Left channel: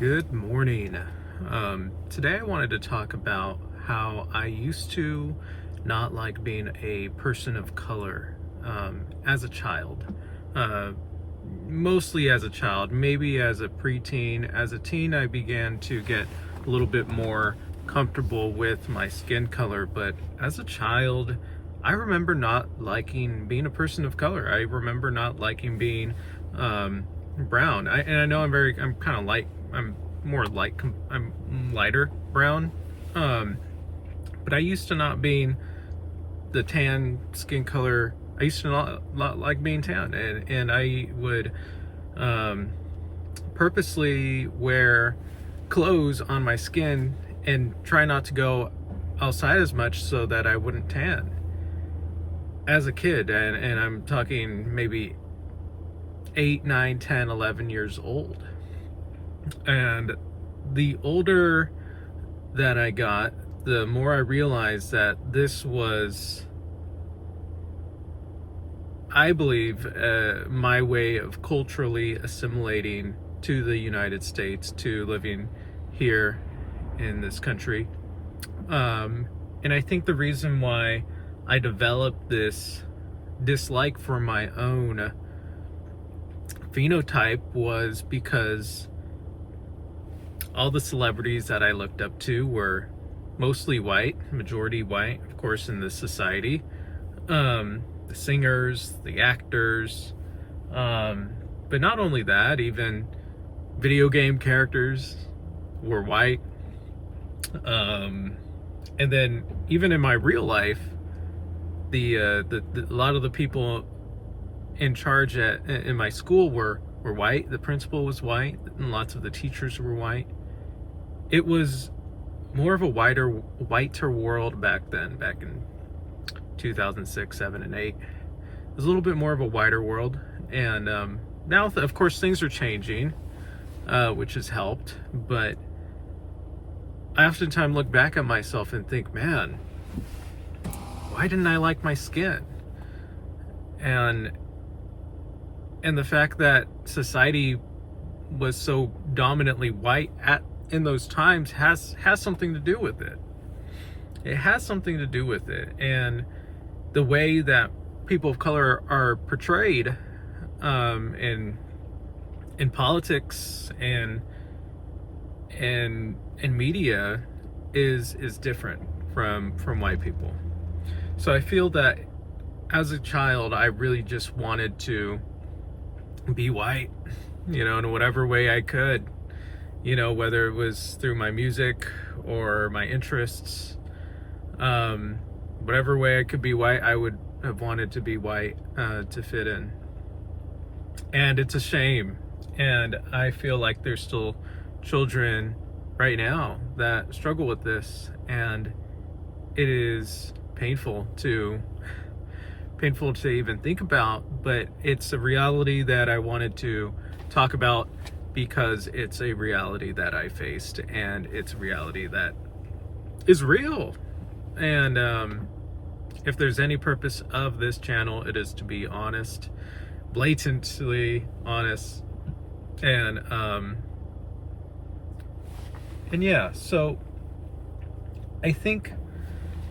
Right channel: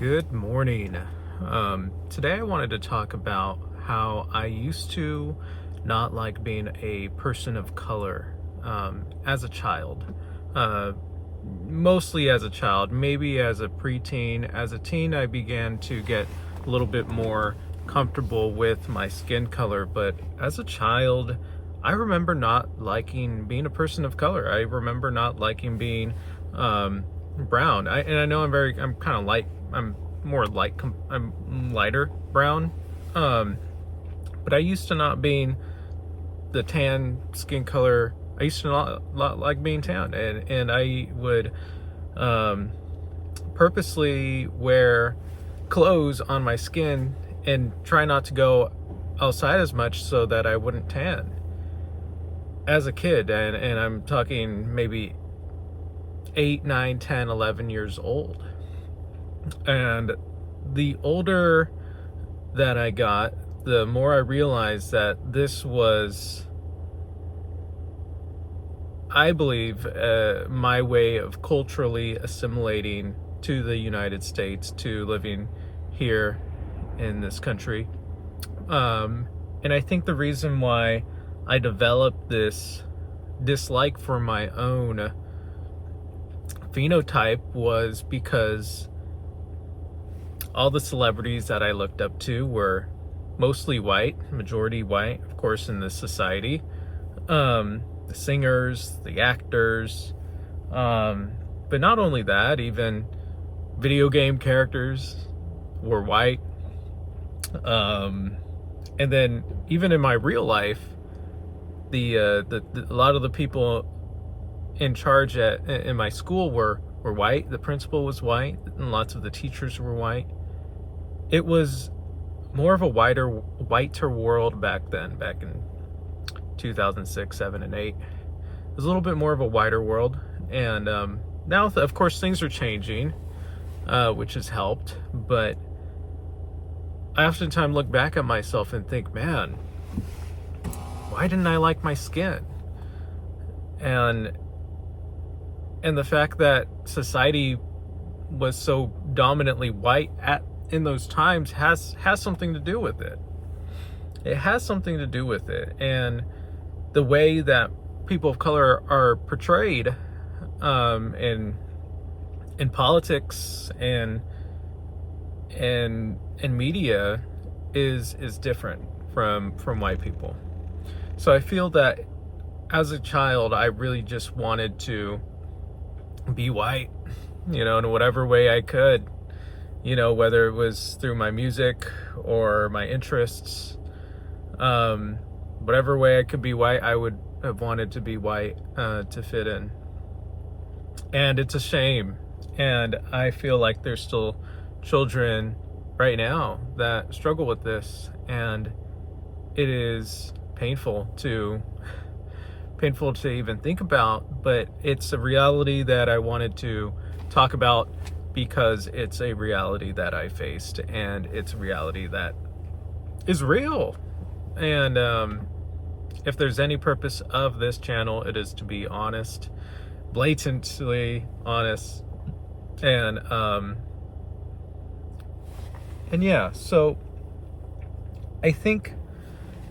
Good morning. Today I wanted to talk about how I used to not like being a person of color as a child. Mostly as a child, maybe as a preteen. As a teen, I began to get a little bit more comfortable with my skin color, but as a child, I remember not liking being a person of color. I remember not liking being brown. And I know I'm kind of light. I'm lighter brown. But I used to not being the tan skin color. I used to not like being tan, and I would purposely wear clothes on my skin and try not to go outside as much so that I wouldn't tan. As a kid, and I'm talking maybe 8, 9, 10, 11 years old. And the older that I got, the more I realized that this was, I believe, my way of culturally assimilating to the United States, to living here in this country. And I think the reason why I developed this dislike for my own phenotype was because all the celebrities that I looked up to were mostly white, majority white, of course, in this society. The singers, the actors, but not only that, even video game characters were white. And then even in my real life, a lot of the people in charge in my school were white. The principal was white, and lots of the teachers were white. It was more of a whiter world back then, back in 2006, 7, and 8. It was a little bit more of a whiter world, and now, of course, things are changing, which has helped, but I oftentimes look back at myself and think, man, why didn't I like my skin? And the fact that society was so dominantly white in those times has something to do with it. It has something to do with it. And the way that people of color are portrayed in politics and media is different from white people. So I feel that as a child, I really just wanted to be white, in whatever way I could, whether it was through my music or my interests, whatever way I could be white, I would have wanted to be white to fit in. And it's a shame. And I feel like there's still children right now that struggle with this, and it is painful to even think about, but it's a reality that I wanted to talk about because it's a reality that I faced, and it's a reality that is real. And if there's any purpose of this channel, it is to be honest, blatantly honest, and yeah, so I think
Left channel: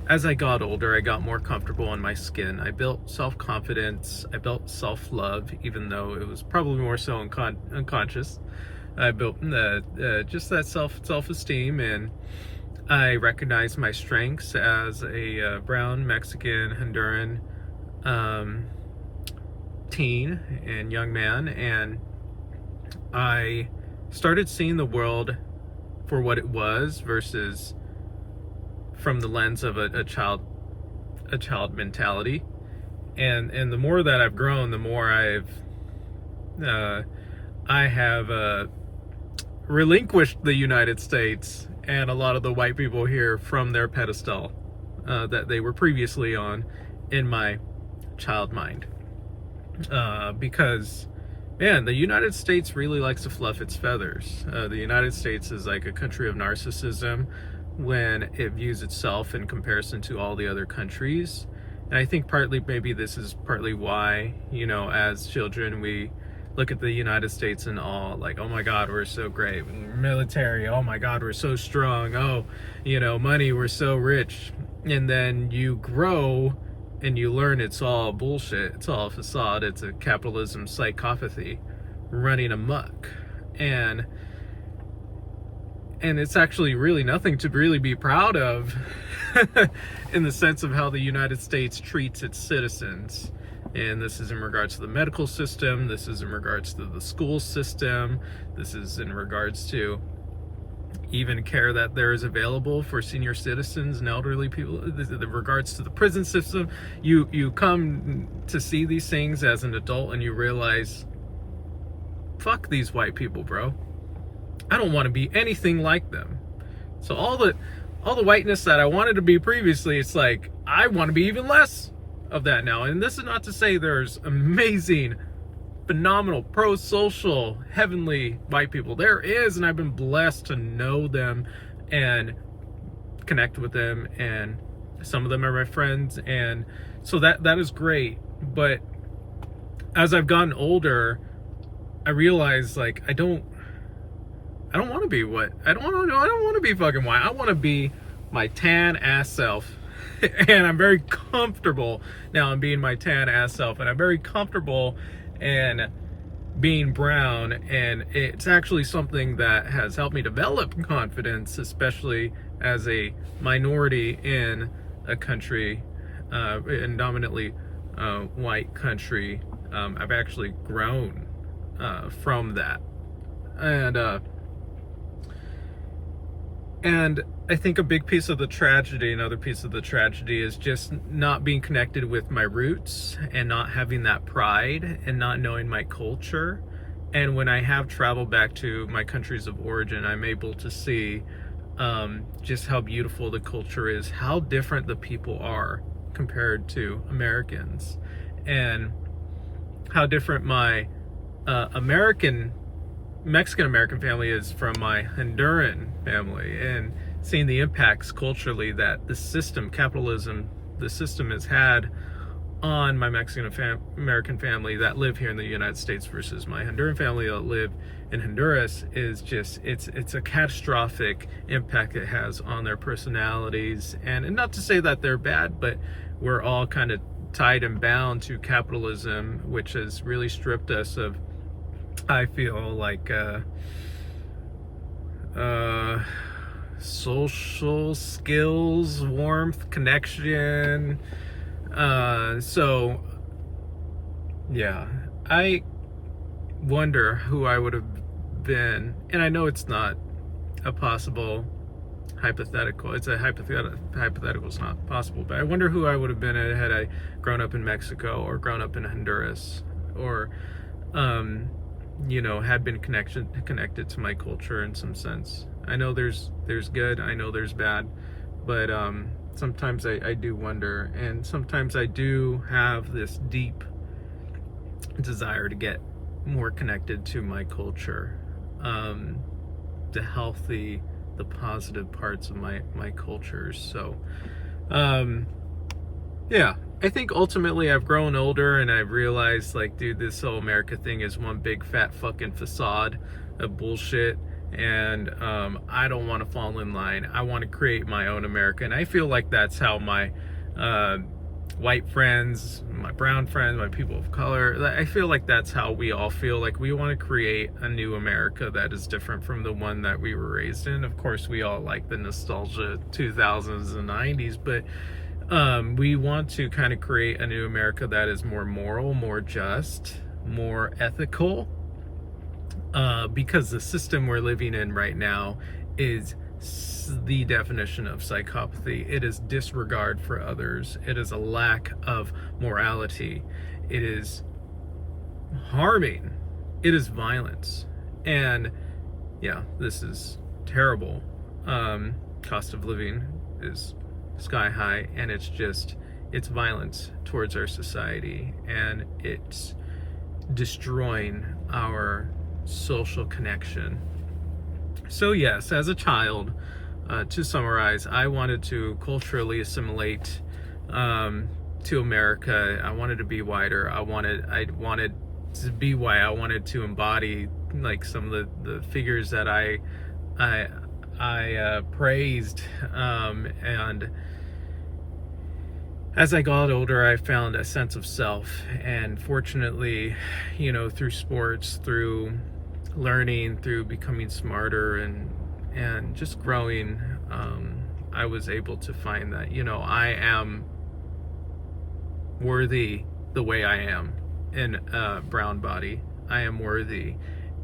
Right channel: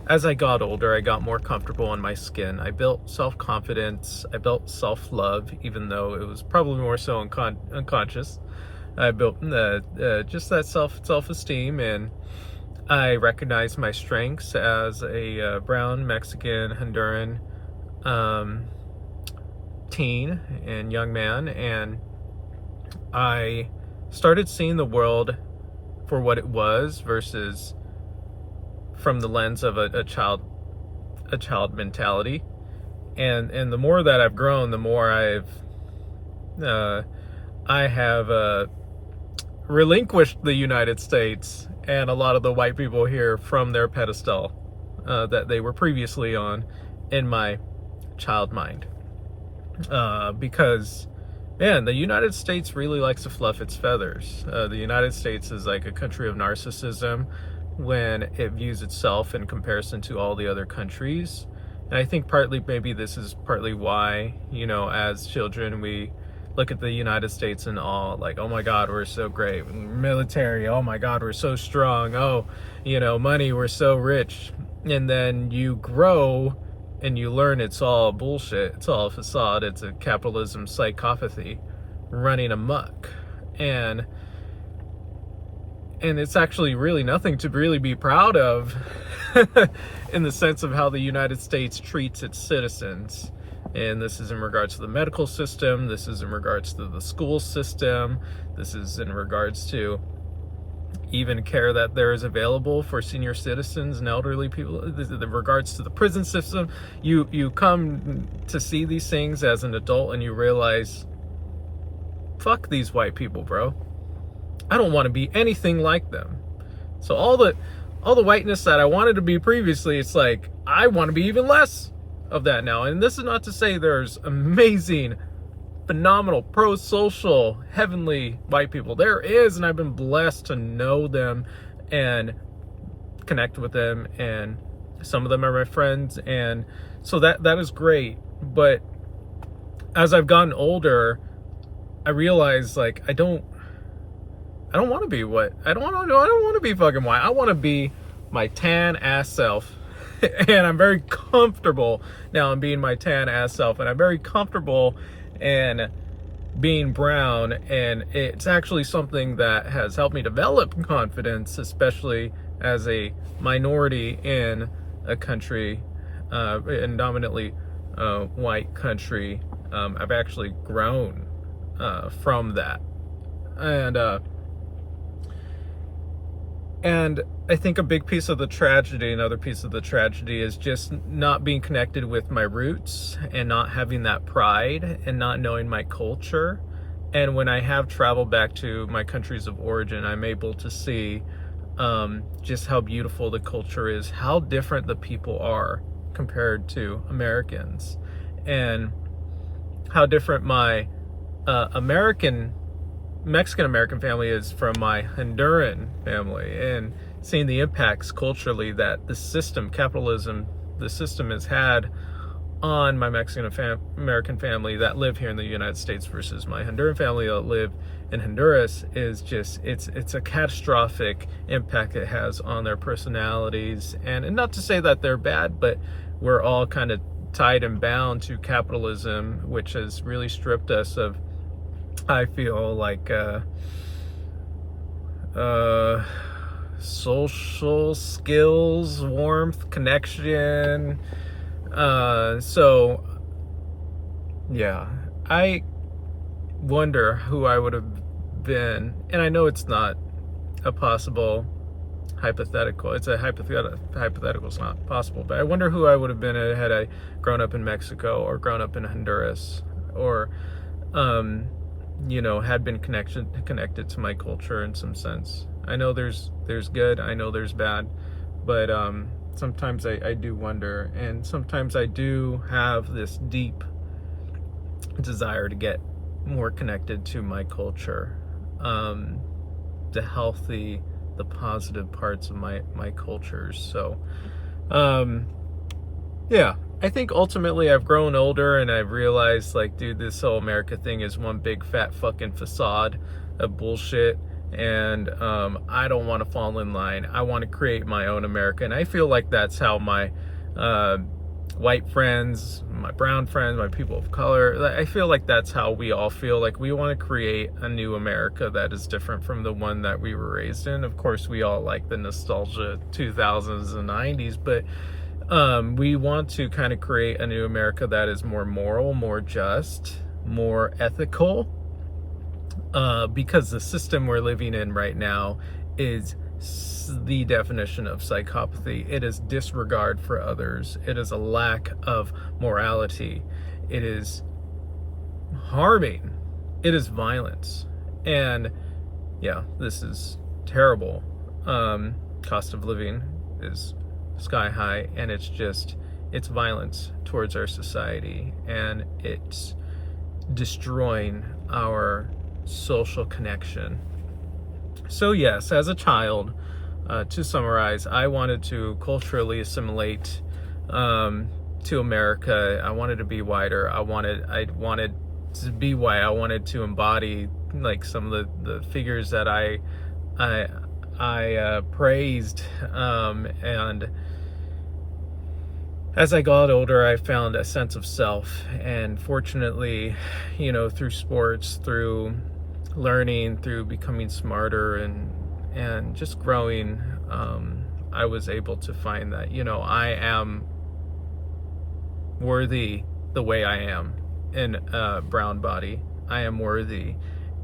as I got older, I got more comfortable in my skin. I built self-confidence. I built self-love, even though it was probably more so unconscious. I built just that self-esteem, and I recognized my strengths as a brown, Mexican, Honduran teen and young man, and I started seeing the world for what it was versus from the lens of a child mentality. And the more that I've grown, the more I have relinquished the United States and a lot of the white people here from their pedestal that they were previously on in my child mind. Because, man, the United States really likes to fluff its feathers. The United States is like a country of narcissism when it views itself in comparison to all the other countries. And I think maybe this is partly why, as children, we look at the United States in awe, like, oh my God, we're so great. Military, oh my God, we're so strong. Oh, money, we're so rich. And then you grow and you learn it's all bullshit. It's all a facade. It's a capitalism psychopathy running amok. And it's actually really nothing to really be proud of in the sense of how the United States treats its citizens. And this is in regards to the medical system. This is in regards to the school system. This is in regards to even care that there is available for senior citizens and elderly people. In regards to the prison system, you come to see these things as an adult and you realize, fuck these white people, bro. I don't want to be anything like them. So all the whiteness that I wanted to be previously, it's like I want to be even less of that now. And this is not to say there's amazing, phenomenal, pro-social, heavenly white people. There is, and I've been blessed to know them and connect with them, and some of them are my friends, and so that is great. But as I've gotten older, I realize, like, I don't want to be what I don't want to be fucking white. I want to be my tan ass self. And I'm very comfortable now in being my tan ass self, and I'm very comfortable in being brown, and it's actually something that has helped me develop confidence, especially as a minority in a country, a dominantly white country. I've actually grown from that, and I think a big piece of the tragedy, another piece of the tragedy, is just not being connected with my roots and not having that pride and not knowing my culture. And when I have traveled back to my countries of origin, I'm able to see just how beautiful the culture is, how different the people are compared to Americans, and how different my Mexican-American family is from my Honduran family, and seeing the impacts culturally that the system, capitalism, the system has had on my Mexican-American family that live here in the United States versus my Honduran family that live in Honduras is just, it's a catastrophic impact it has on their personalities. And not to say that they're bad, but we're all kind of tied and bound to capitalism, which has really stripped us of, I feel like, social skills, warmth, connection. So yeah, I wonder who I would have been, and I know it's not a possible hypothetical. It's a hypothetical. It's not possible, but I wonder who I would have been had I grown up in Mexico or grown up in Honduras, or had been connected to my culture in some sense. I know there's good, I know there's bad, but sometimes I do wonder, and sometimes I do have this deep desire to get more connected to my culture, the healthy, the positive parts of my cultures. So yeah, I think ultimately I've grown older and I've realized, like, dude, this whole America thing is one big fat fucking facade of bullshit, and I don't want to fall in line. I want to create my own America, and I feel like that's how my white friends, my brown friends, my people of color, I feel like that's how we all feel. Like, we want to create a new America that is different from the one that we were raised in. Of course, we all like the nostalgia 2000s and 90s, but we want to kind of create a new America that is more moral, more just, more ethical, because the system we're living in right now is the definition of psychopathy. It is disregard for others. It is a lack of morality. It is harming. It is violence. And yeah, this is terrible. Cost of living is sky high, and it's violence towards our society, and it's destroying our social connection. So yes, as a child, to summarize, I wanted to culturally assimilate to America. I wanted to be whiter. I wanted to be white. I wanted to embody like some of the figures that I praised, and as I got older, I found a sense of self, and fortunately, you know, through sports, through learning, through becoming smarter, and just growing, I was able to find that, you know, I am worthy the way I am in a brown body. I am worthy,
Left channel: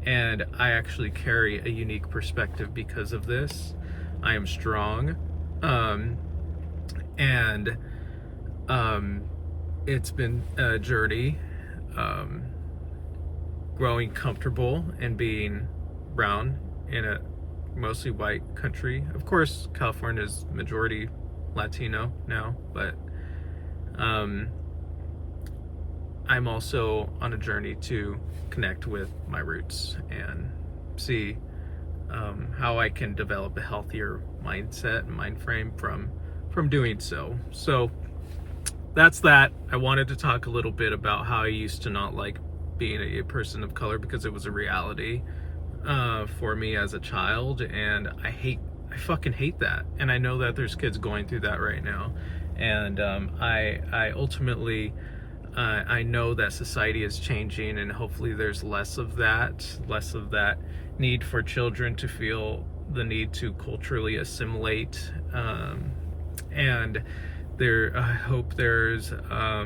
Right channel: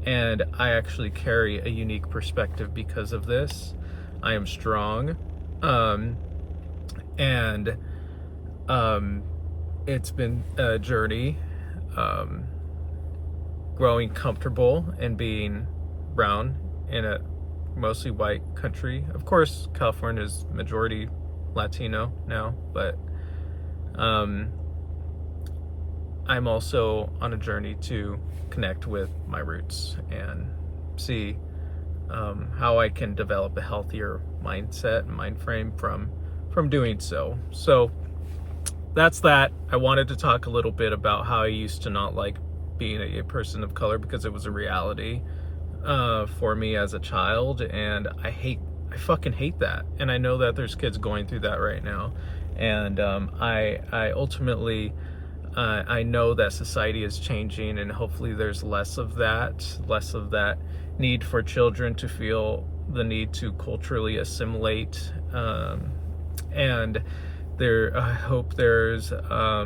and I actually carry a unique perspective because of this. I am strong, and it's been a journey, growing comfortable and being brown in a mostly white country. Of course, California is majority Latino now, but I'm also on a journey to connect with my roots and see how I can develop a healthier mindset and mind frame from doing so. So that's that. I wanted to talk a little bit about how I used to not like being a person of color because it was a reality for me as a child, and I fucking hate that. And I know that there's kids going through that right now, and I ultimately I know that society is changing, and hopefully there's less of that need for children to feel the need to culturally assimilate, and I hope there's I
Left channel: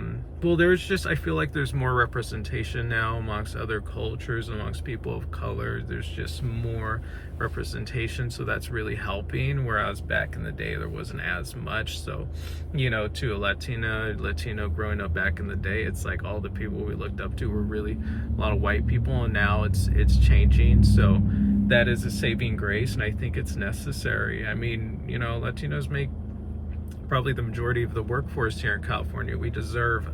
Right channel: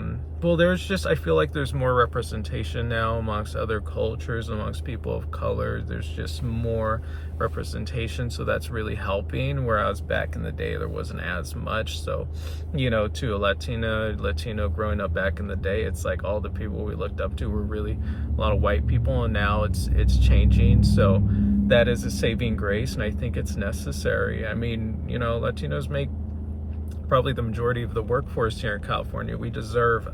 feel like there's more representation now amongst other cultures, amongst people of color. There's just more representation, so that's really helping, whereas back in the day there wasn't as much. So, you know, to a Latino growing up back in the day, it's like all the people we looked up to were really a lot of white people, and now it's changing. So that is a saving grace, and I think it's necessary. I mean, you know, Latinos make probably the majority of the workforce here in California. We deserve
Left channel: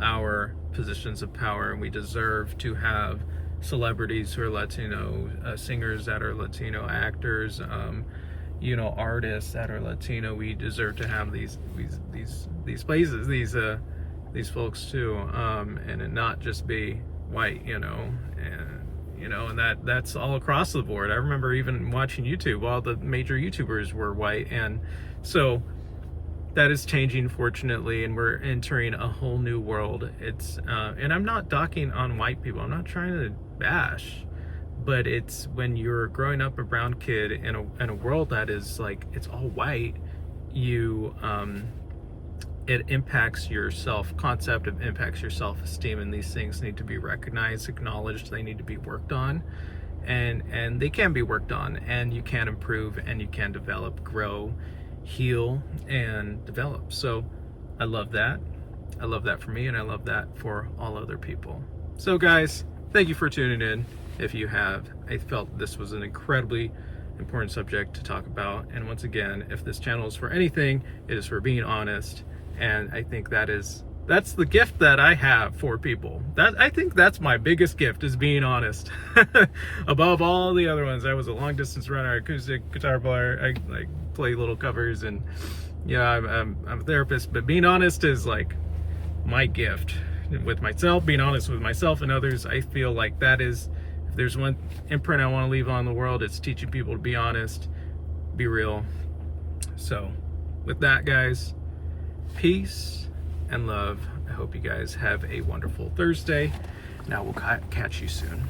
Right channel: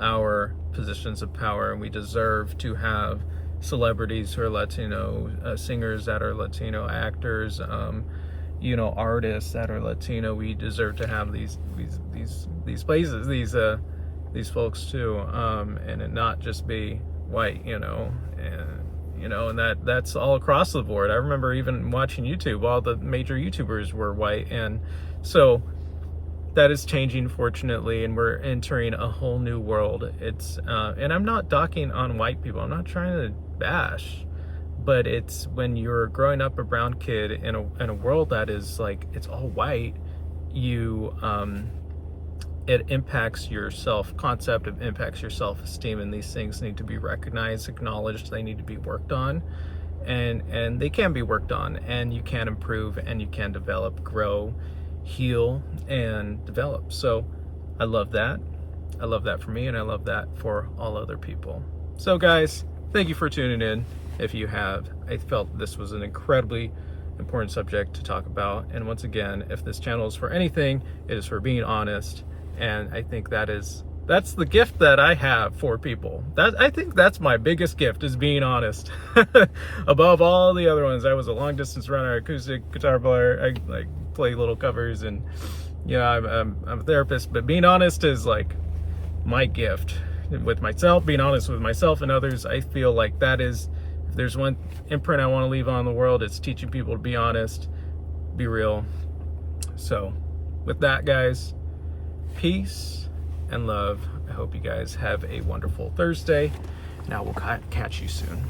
our positions of power, and we deserve to have celebrities who are Latino, singers that are Latino, actors, you know, artists that are Latino. We deserve to have these places, these folks too, and it not just be white, you know, and that's all across the board. I remember even watching YouTube, all the major YouTubers were white, and so that is changing, fortunately, and we're entering a whole new world. It's and I'm not docking on white people. I'm not trying to bash, but it's when you're growing up a brown kid in a world that is like it's all white, you it impacts your self-concept, it impacts your self-esteem, and these things need to be recognized, acknowledged. They need to be worked on, and they can be worked on, and you can improve, and you can develop, grow, heal, and develop. So I love that. I love that for me, and I love that for all other people. So guys, thank you for tuning in. If you have, I felt this was an incredibly important subject to talk about, and once again, if this channel is for anything, it is for being honest, and I think that's the gift that I have for people. I think that's my biggest gift, is being honest. Above all the other ones. I was a long distance runner, acoustic guitar player, I like play little covers, and yeah, I'm a therapist, but being honest is like my gift with myself, being honest with myself and others. I feel like that is, if there's one imprint I want to leave on the world, it's teaching people to be honest, be real. So with that, guys, peace and love. I hope you guys have a wonderful Thursday. Now we'll catch you soon.